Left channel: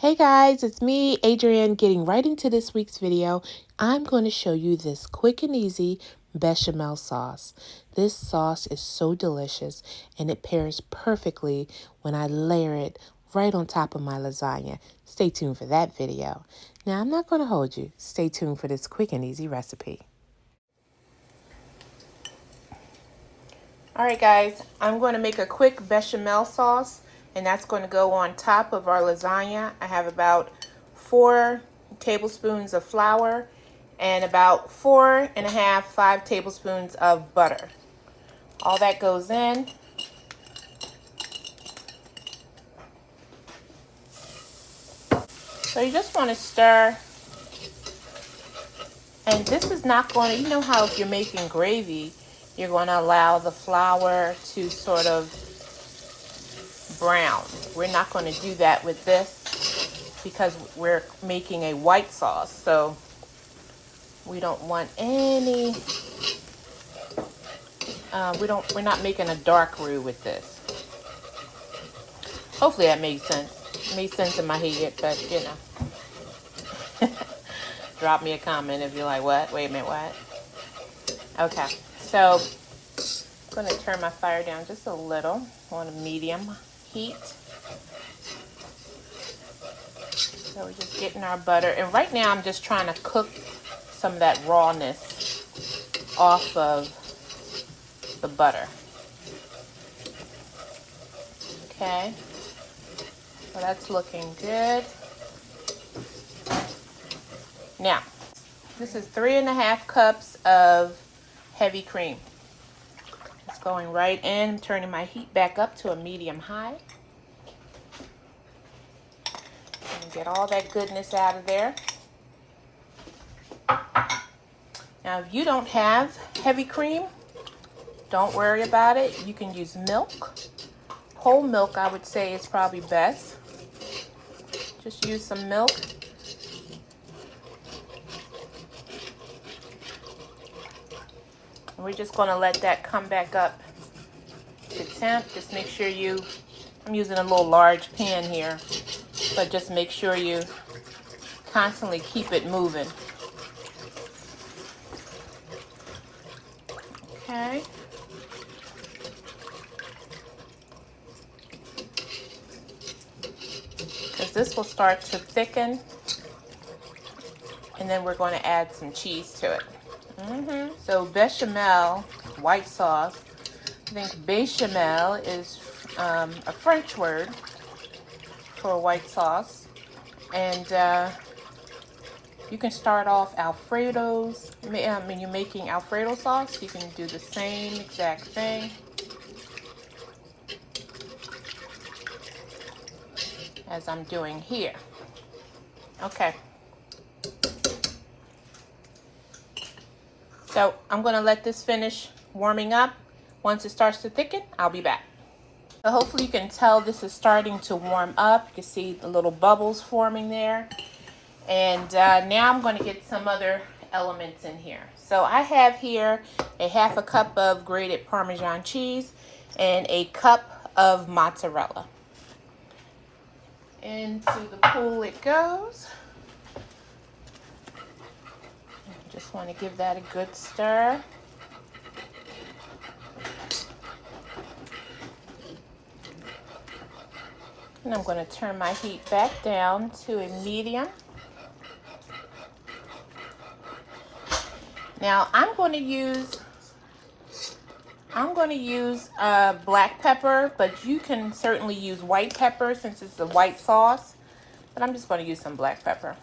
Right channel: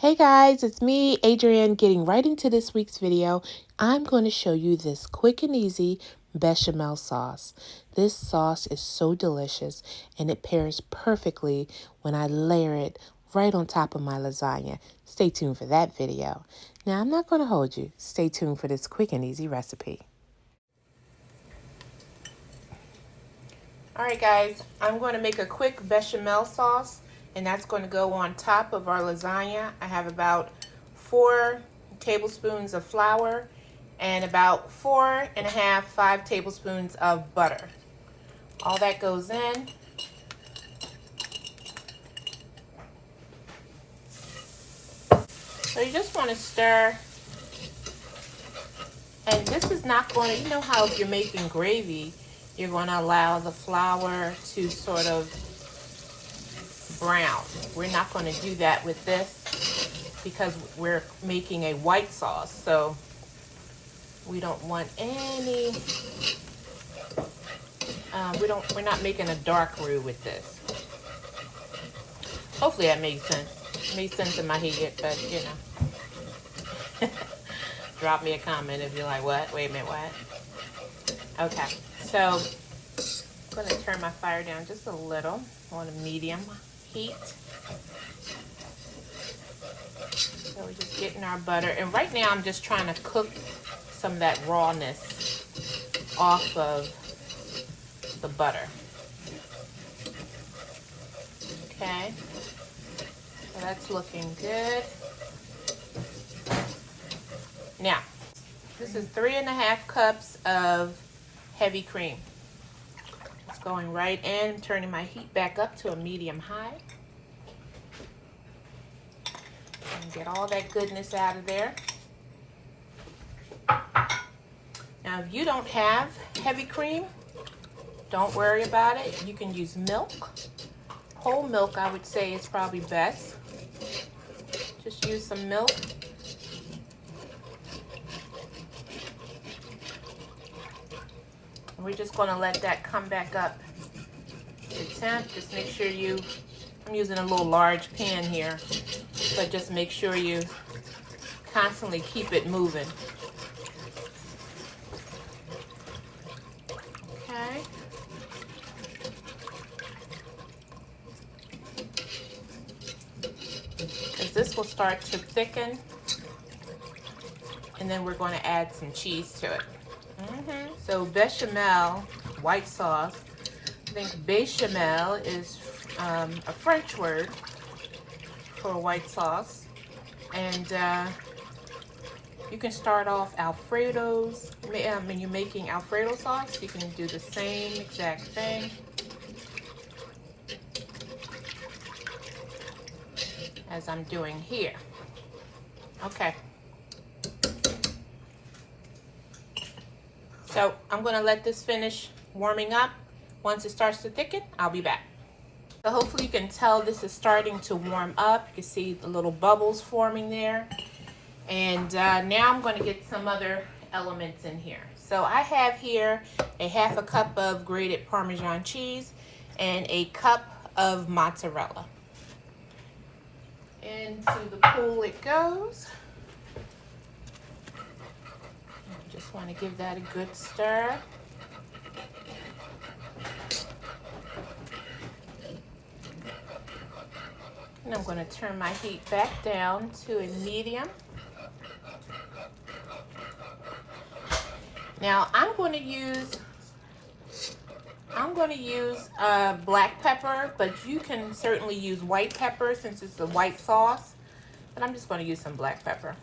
Hey guys, it's me, Adrienne, getting right into this week's video. I'm going to show you this quick and easy bechamel sauce. This sauce is so delicious and it pairs perfectly when I layer it right on top of my lasagna. Stay tuned for that video. Now, I'm not going to hold you. Stay tuned for this quick and easy recipe. Alright guys, I'm going to make a quick bechamel sauce, and that's going to go on top of our lasagna. I have about 4 tablespoons of flour and about 5 tablespoons of butter. All that goes in. So you just want to stir. And this is not going to, you know how if you're making gravy, you're going to allow the flour to sort of brown. We're not going to do that with this because we're making a white sauce, so we don't want any we're not making a dark roux with this. Hopefully that made sense. It made sense in my head, but you know. Drop me a comment if you're like, what? Wait a minute, what? Okay, so I'm going to turn my fire down just a little on a medium heat. So we're just getting our butter, and right now I'm just trying to cook some of that rawness off of the butter. Okay, so that's looking good. Now, this is 3½ cups of heavy cream. It's going right in, turning my heat back up to a medium high. And get all that goodness out of there. Now, if you don't have heavy cream, don't worry about it. You can use milk. Whole milk, I would say, is probably best. Just use some milk. We're just going to let that come back up to temp. Just make sure I'm using a little large pan here, but just make sure you constantly keep it moving. Okay. Because this will start to thicken, and then we're going to add some cheese to it. So bechamel, white sauce. I think Béchamel is a French word for white sauce. And you can start off Alfredo's. When you're making Alfredo sauce, you can do the same exact thing as I'm doing here. Okay. So I'm going to let this finish warming up. Once it starts to thicken, I'll be back. So hopefully you can tell this is starting to warm up. You can see the little bubbles forming there. And now I'm going to get some other elements in here. So I have here a 1/2 cup of grated Parmesan cheese and a cup of mozzarella. Into the pool it goes. Just want to give that a good stir. And I'm going to turn my heat back down to a medium. Now I'm going to use black pepper, but you can certainly use white pepper since it's a white sauce. But I'm just going to use some black pepper.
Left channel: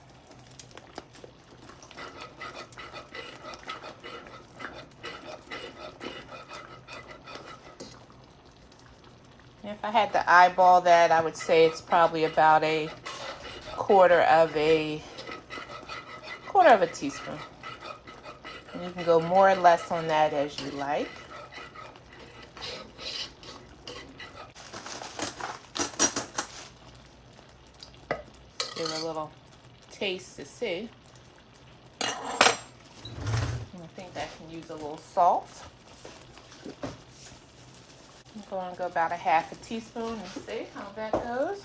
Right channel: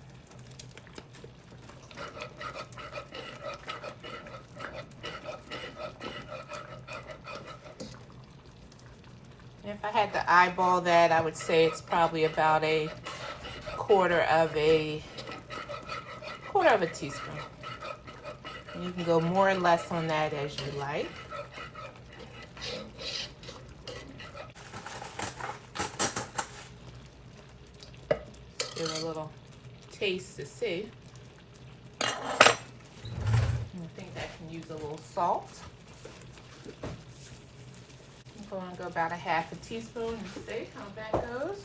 If I had to eyeball that, I would say it's probably about a quarter of a teaspoon. And you can go more or less on that as you like. Give it a little taste to see. I think that can use a little salt. I'm going to go about a 1/2 teaspoon. Let's see how that goes.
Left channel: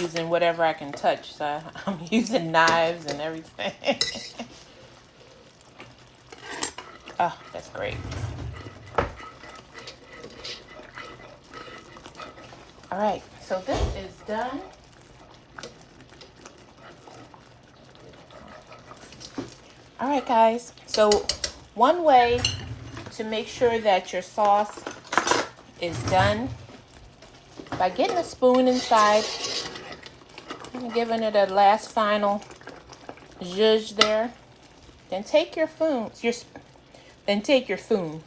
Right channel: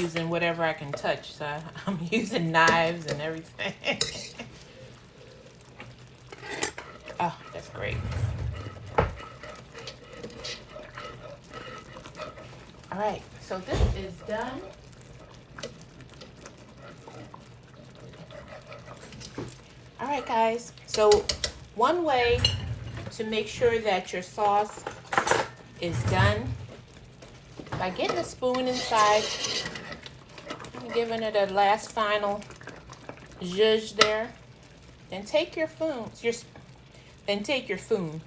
using whatever I can touch. So I'm using knives and everything. Oh, that's great. All right, so this is done. All right, guys. So one way to make sure that your sauce is done by getting a spoon inside and giving it a last final zhuzh there. Then take your spoon.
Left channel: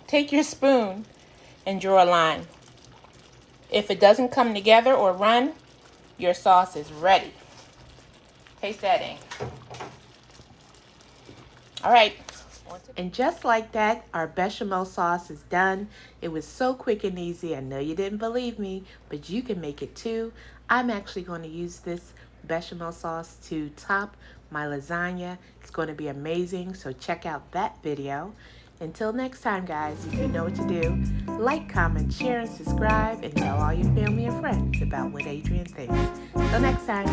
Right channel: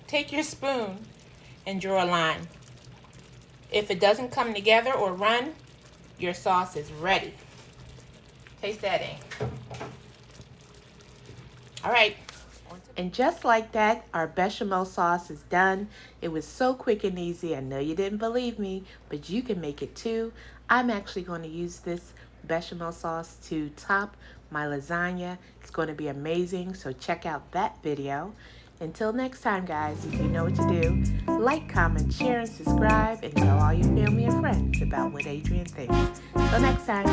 Take your spoon and draw a line. If it doesn't come together or run, your sauce is ready. Taste that in. All right. And just like that, our bechamel sauce is done. It was so quick and easy. I know you didn't believe me, but you can make it too. I'm actually going to use this bechamel sauce to top my lasagna. It's going to be amazing, so check out that video. Until next time, guys, if you know what to do, like, comment, share, and subscribe, and tell all your family and friends about what Adrienne thinks. Till next time.